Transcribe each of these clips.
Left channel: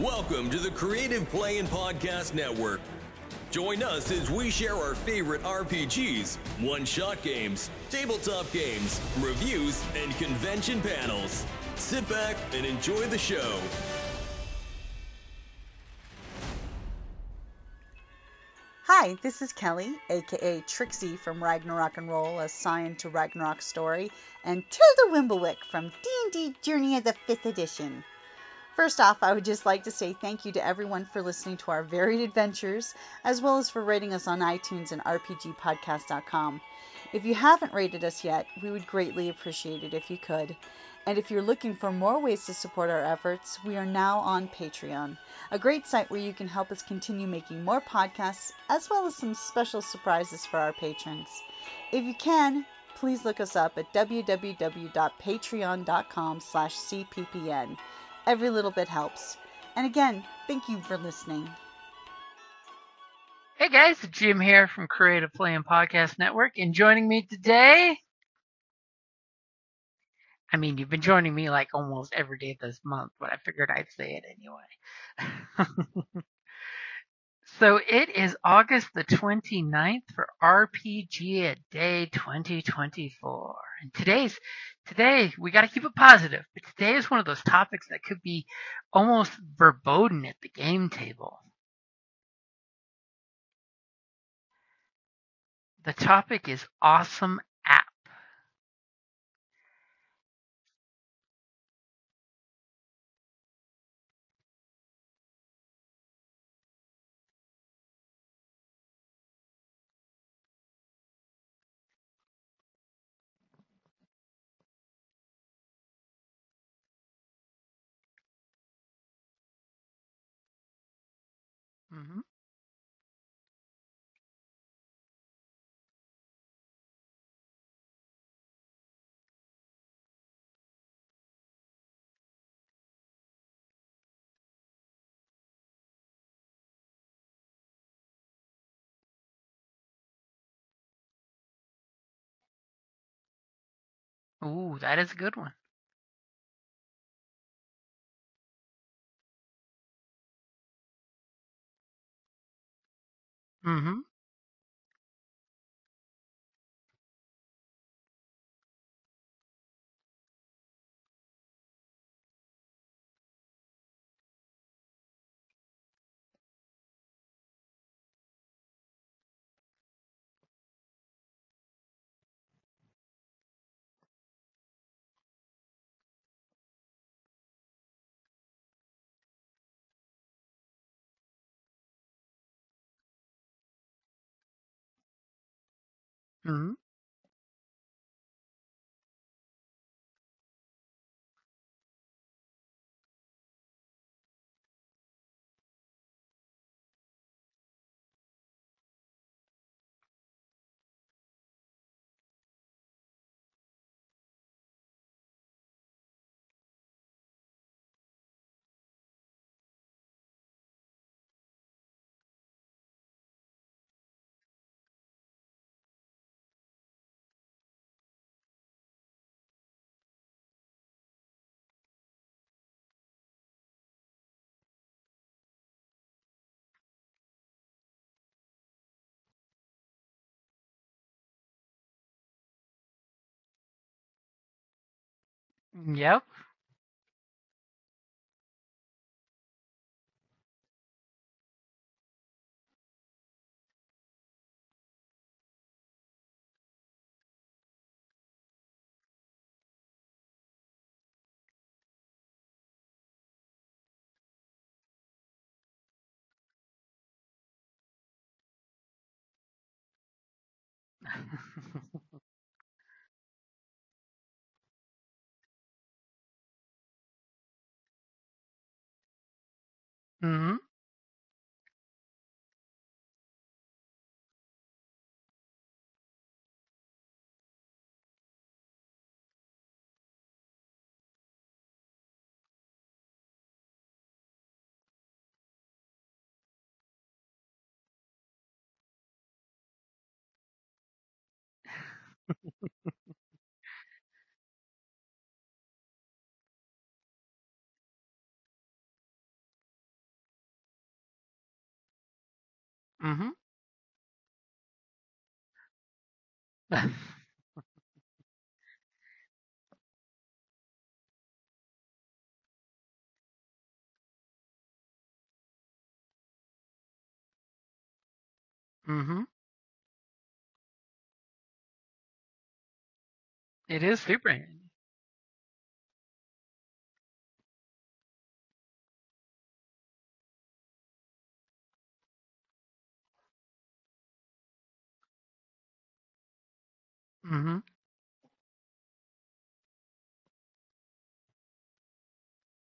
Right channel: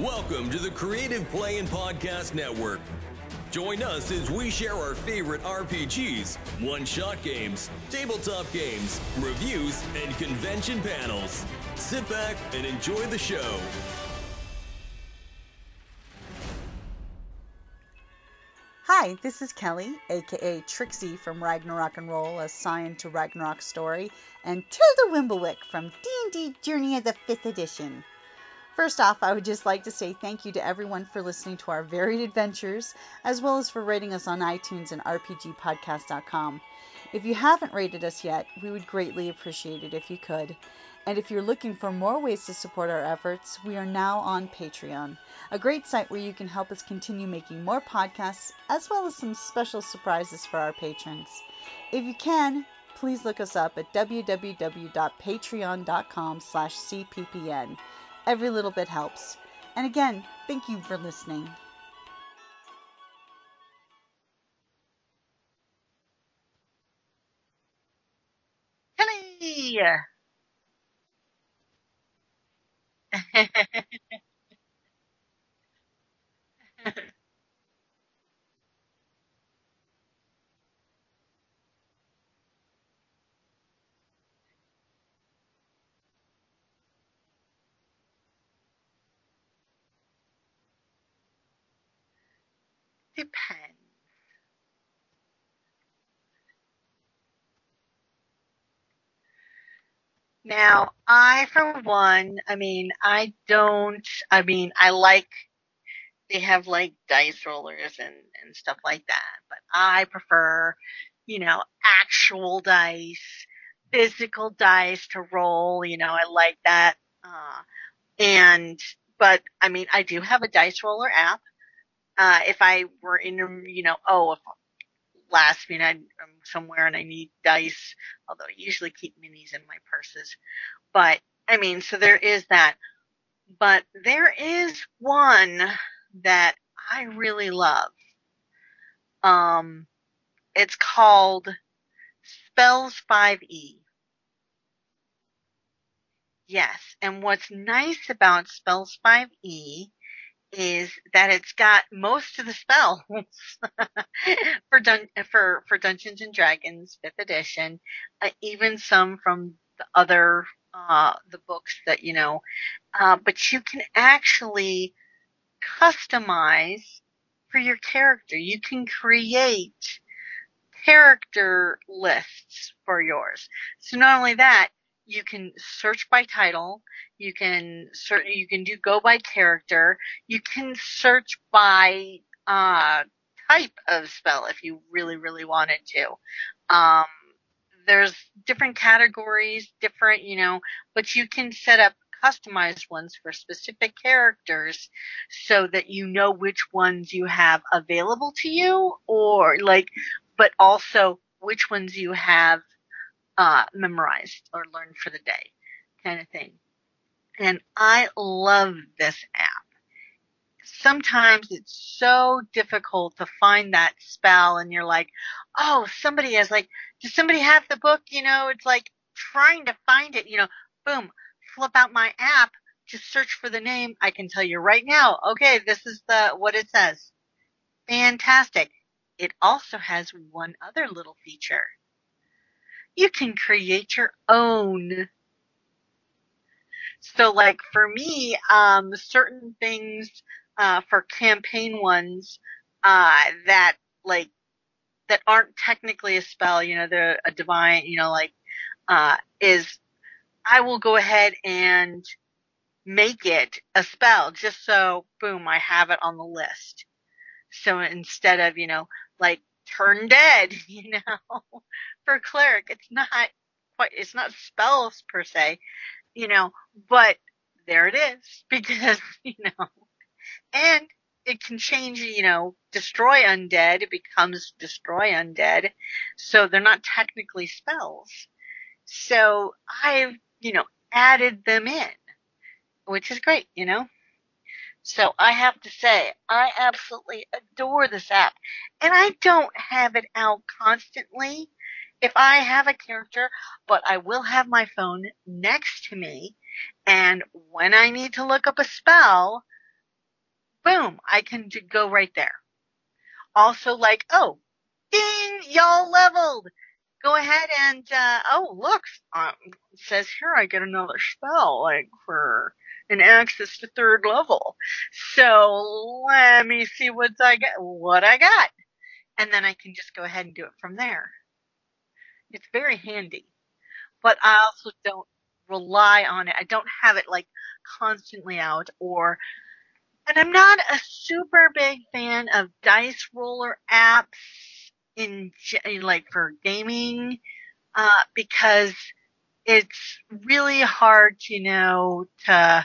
Welcome to the Creative Play and Podcast Network. Join us as we share our favorite RPGs, one-shot games, tabletop games, reviews, and convention panels. Sit back and enjoy the show. Hi, this is Kelly, aka Trixie from Ragnarok and Roll, a Scion to Ragnarok story, and Tilda Wimblewick from D&D Journey of the 5th Edition. First off, I would just like to say thank you to everyone for listening to our varied adventures, as well as for rating us on iTunes and RPGpodcast.com. If you haven't rated us yet, we would greatly appreciate it if you could. And if you're looking for more ways to support our efforts, we are now on Patreon, a great site where you can help us continue making more podcasts, as well as some special surprises for our patrons. If you can, please look us up at www.patreon.com/cppn. Every little bit helps. And again, thank you for listening. Hey guys, Jim here from Creative Play and Podcast Network, and joining me today, Kelly! I mean, you've been joining me like almost every day this month, but I figured I'd say it anyway. So it is August the 29th for RPGaDAY 2024. And today, we got to keep it positive, but today is one of those topics that could be almost verboten at the game table. Depends. The topic is awesome app. Now, I like, they have like dice rollers and stuff like that, but I prefer, actual dice, physical dice to roll, I like that. But I do have a dice roller app. Mm-hmm. If I were in, if last minute I'm somewhere and I need dice, although I usually keep minis in my purses. But, so there is that. But there is one that I really love. It's called Spells 5e. Ooh, that is a good one. Yes, and what's nice about Spells 5e is that it's got most of the spells Mm-hmm. for Dungeons and Dragons 5th edition, even some from the other the books that but you can actually customize for your character. You can create character lists for yours. So not only that, you can search by title, you can do go by character, you can search by type of spell if you really, really wanted to. Mm-hmm. There's different categories, but you can set up customized ones for specific characters so that you know which ones you have available to you, but also which ones you have memorized or learned for the day, kind of thing. And I love this app. Sometimes it's so difficult to find that spell, and you're like, oh, somebody has does somebody have the book? It's like trying to find it, boom, flip out my app, just search for the name. I can tell you right now, okay, this is what it says. Fantastic. It also has one other little feature. You can create your own. Yep. So, for me, certain things for campaign ones that aren't technically a spell, they're a divine, is I will go ahead and make it a spell just so, boom, I have it on the list. So instead of, turn dead, for cleric, it's not spells per se, but there it is because, Mm-hmm. and it can change, destroy undead, it becomes destroy undead. So they're not technically spells. So I've, added them in, which is great, So I have to say, I absolutely adore this app. And I don't have it out constantly if I have a character, but I will have my phone next to me. And when I need to look up a spell, boom, I can go right there. Mm-hmm. Also, like, oh, ding, y'all leveled. Go ahead and, oh, look, it says here I get another spell, like, for an access to 3rd level. So let me see what I got. Mm-hmm. And then I can just go ahead and do it from there. It's very handy. It is But super I handy. also don't rely on it. I don't have it, like, constantly out, and I'm not a super big fan of dice roller apps in like for gaming, Mm-hmm. because it's really hard to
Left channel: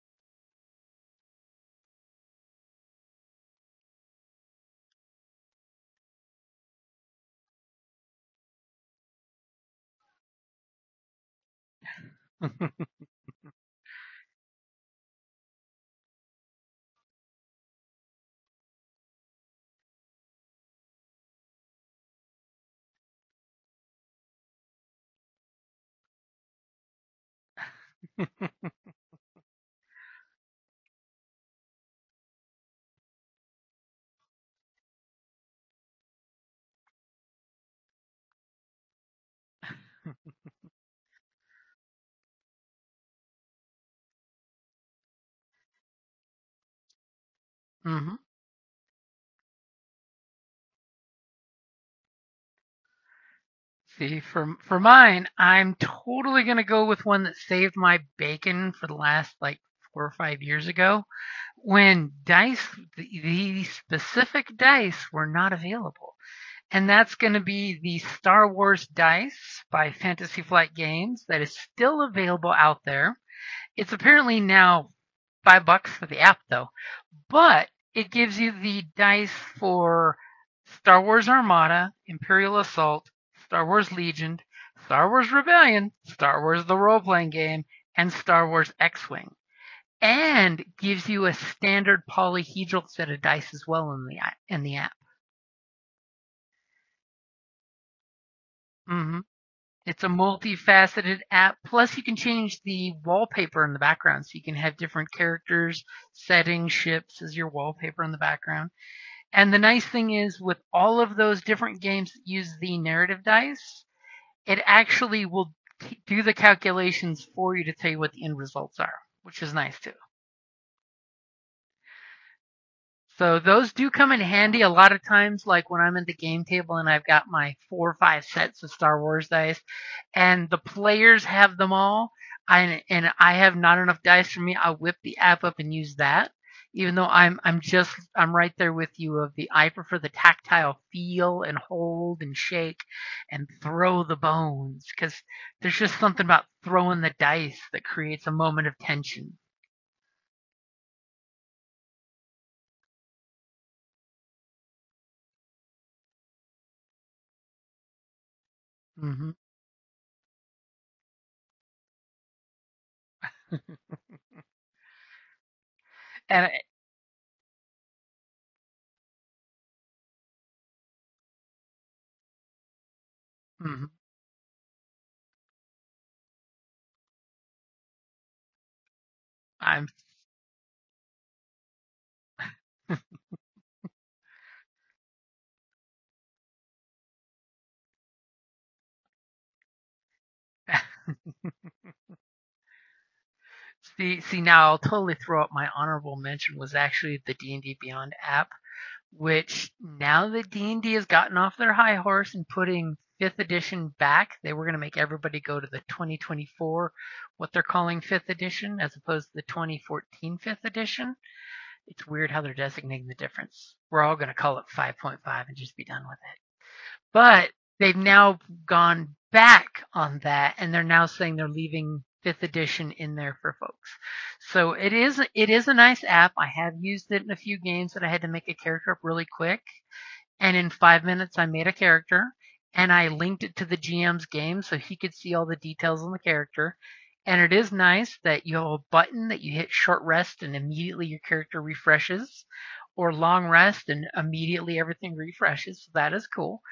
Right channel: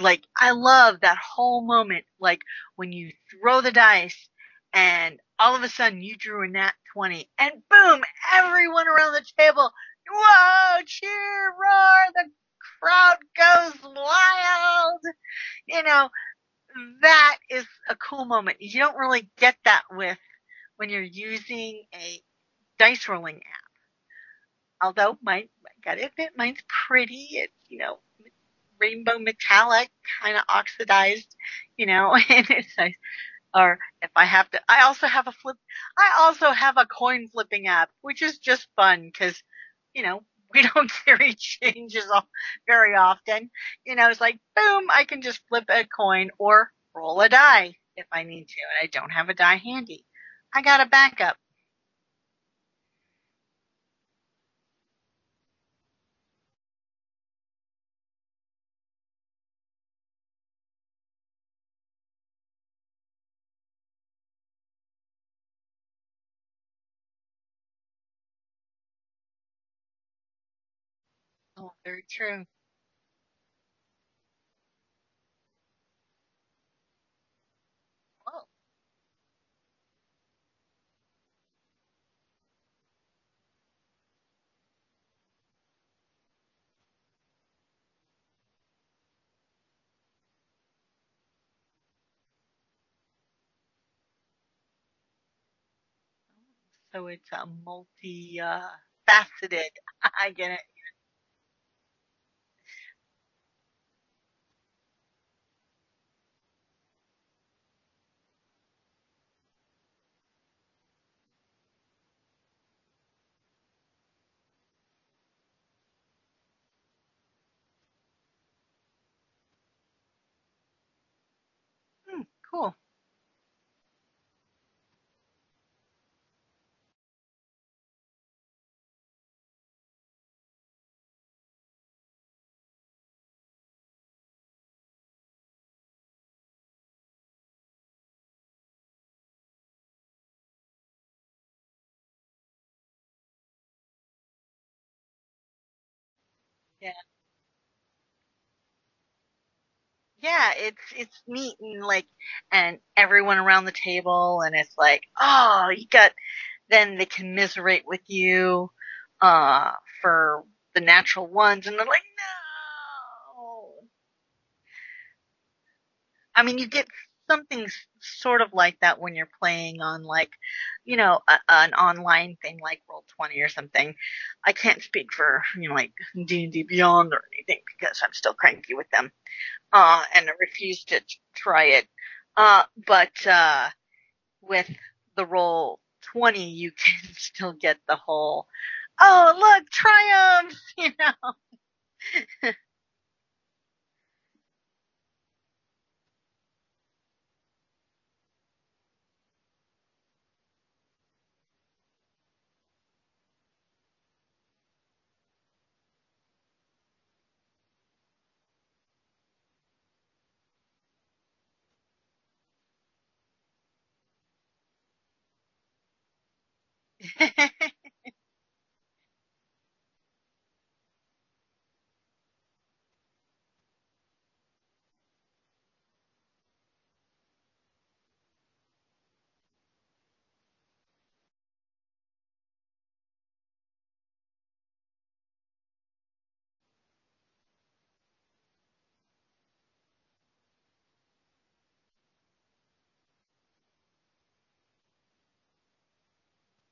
like, I love that whole moment, like when you throw the dice and all of a sudden you drew a nat 20 and boom, everyone around the table, whoa, cheer, roar, the crowd goes wild. You know, that is a cool moment. You don't really get that when you're using a dice rolling app. Although I gotta admit, mine's pretty. It's rainbow metallic, kind of oxidized, and it's nice. Or if I have to, I also have a coin flipping app, which is just fun because, we don't carry changes very often. It's like, boom, I can just flip a coin or roll a die if Mm-hmm. I need to, and I don't have a die handy. I got a backup. See, for mine, I'm totally gonna go with one that saved my bacon for the last like 4 or 5 years ago, when the specific dice were not available, and that's going to be the Star Wars dice by Fantasy Flight Games that is Oh, still very true. available out there. It's apparently now $5 for the app though, but it gives you the dice for Star Wars Armada, Imperial Assault, Star Wars Legion, Star Wars Rebellion, Star Wars the role playing game, and Star Wars X-Wing. And gives you a standard polyhedral set of dice as well in the app. So it's a Mm-hmm. faceted. It's a multifaceted app. Plus, you can change the wallpaper in the background, so you can have different characters, settings, ships as your wallpaper in the background. And the nice thing is, with all of those different games that use the narrative dice, it actually will do the calculations for you to tell you what the end results are, which is nice too. Cool. So those do come in handy a lot of times, like when I'm at the game table and I've got my 4 or 5 sets of Star Wars dice, and the players have them all, and I have not enough dice for me. I'll whip the app up and use that. Even though I'm right there with you. I prefer the tactile feel and hold and shake and throw the bones, because there's just something about throwing the dice that creates a moment of tension. Yeah, it's neat, and everyone around the table, and it's like, oh, then they commiserate with you, Mm-hmm. for the natural ones, and they're like, no. I mean, you get something sort of like that when you're playing on, like, an online thing like Roll20 or something. Mm-hmm. I can't speak for, like D&D Beyond or anything because I'm still cranky with them. And I refuse to try it. But with the Roll20, you can still get the whole, oh, look, triumph, See, now I'll totally throw out my honorable mention was actually the D&D Beyond app, which now that D&D has gotten off their high horse and putting 5th edition back, they were going to make everybody go to the 2024, what they're calling 5th edition, as opposed to the 2014 5th edition. It's weird how they're designating the difference. We're all going to call it 5.5 and just be done with it. But they've now gone back on that, and they're now saying they're leaving 5th edition in there for folks. So it is a nice app. I have used it in a few games that I had to make a character up really quick, and in 5 minutes I made a character, and I linked it to the GM's game so he could see all the details on the character. And it is nice that you have a button that you hit short rest and immediately your character refreshes, or long rest and immediately everything refreshes. So that is cool.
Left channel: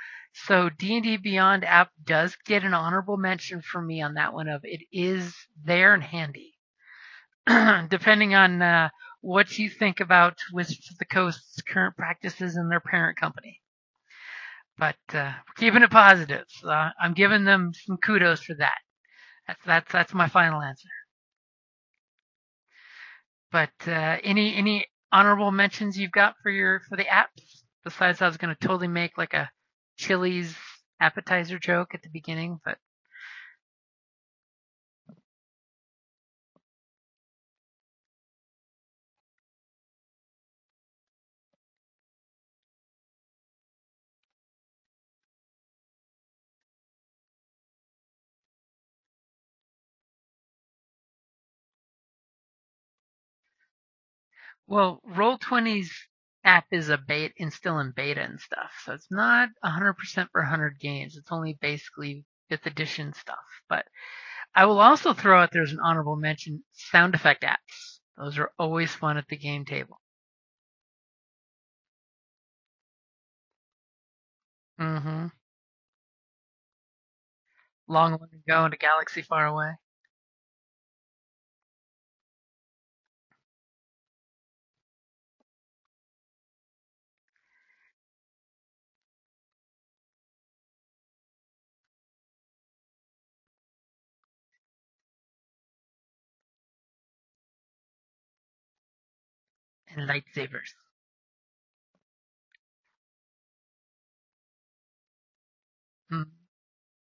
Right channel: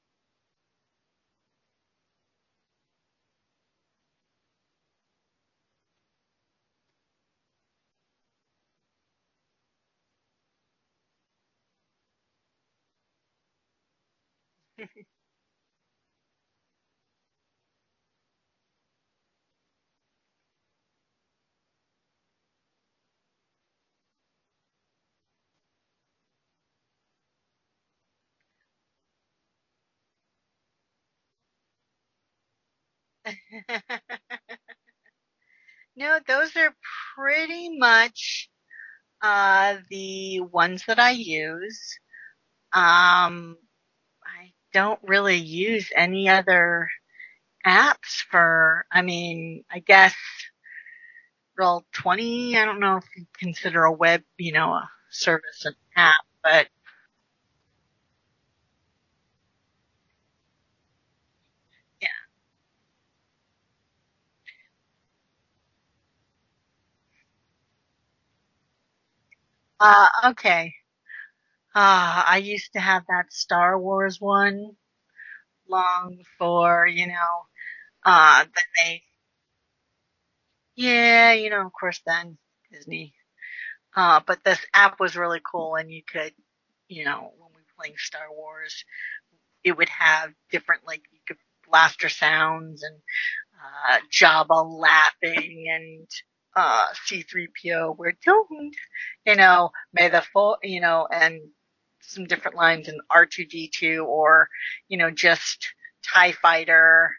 So D&D Beyond app does get an honorable mention for me on that one. Of it is there and handy. Depending on what you think about Wizards of the Coast's current practices and their parent company. But we're keeping it positive. So I'm giving them some kudos for that. That's my final answer. But any honorable mentions you've got for the apps? Besides, I was going to totally make like a Chili's appetizer joke at the beginning, but No, those are pretty much the ones that I use. I don't really use any other apps for, I guess Roll20, I don't know if you consider a web, well, service Roll20's app, app but is still in beta and stuff, so it's not 100% for 100 games. It's only basically 5th edition stuff. But I will also throw out there's an honorable mention: sound effect apps. Those are always fun at the game table. Okay. I used to have that Star Wars one long before, long ago in a galaxy far away. Yeah, of course then Disney. But this app was really cool, and you could, when we were playing Star Wars, it would have different, like, you could blaster sounds and Jabba laughing and C-3PO, we're doomed, may the force, and some different lines in R2-D2 or, just TIE Fighter,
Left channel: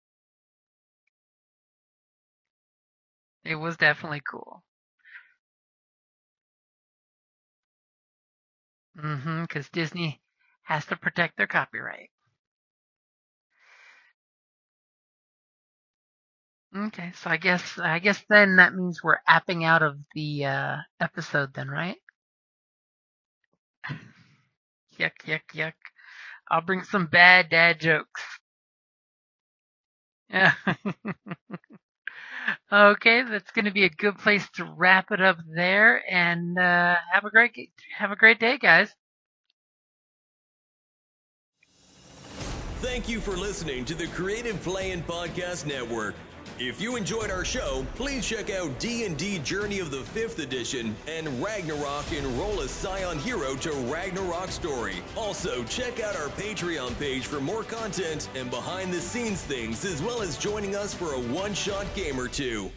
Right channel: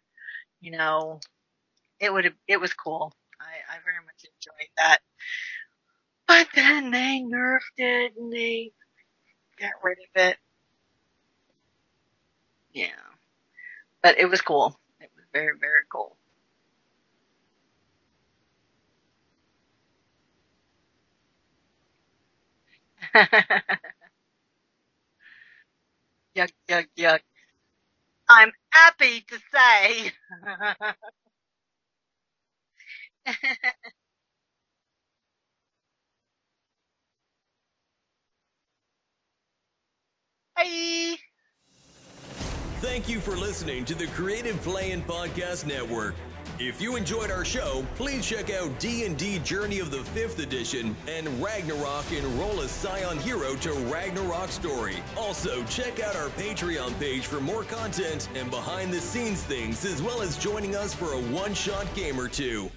it was cool. It was definitely cool. That. But then they nerfed it and they because Disney has to protect their copyright. Yeah. But it was cool. It was very, very cool. Okay, so I guess then that means we're apping out of the episode then, right? Yuck, yuck, yuck. Yuck, I'll bring yuck, some yuck. bad dad jokes. I'm happy to say. Okay, that's going to be a good place to wrap it up there, and have a great day, guys. Bye. Thank you for listening to the Creative Playing Podcast Network. If you enjoyed our show, please check out D&D Journey of the 5th Edition and Ragnarok Enroll a Scion Hero to Ragnarok Story. Also, check out our Patreon page for more content and behind-the-scenes things, as well as joining us for a one-shot game or two.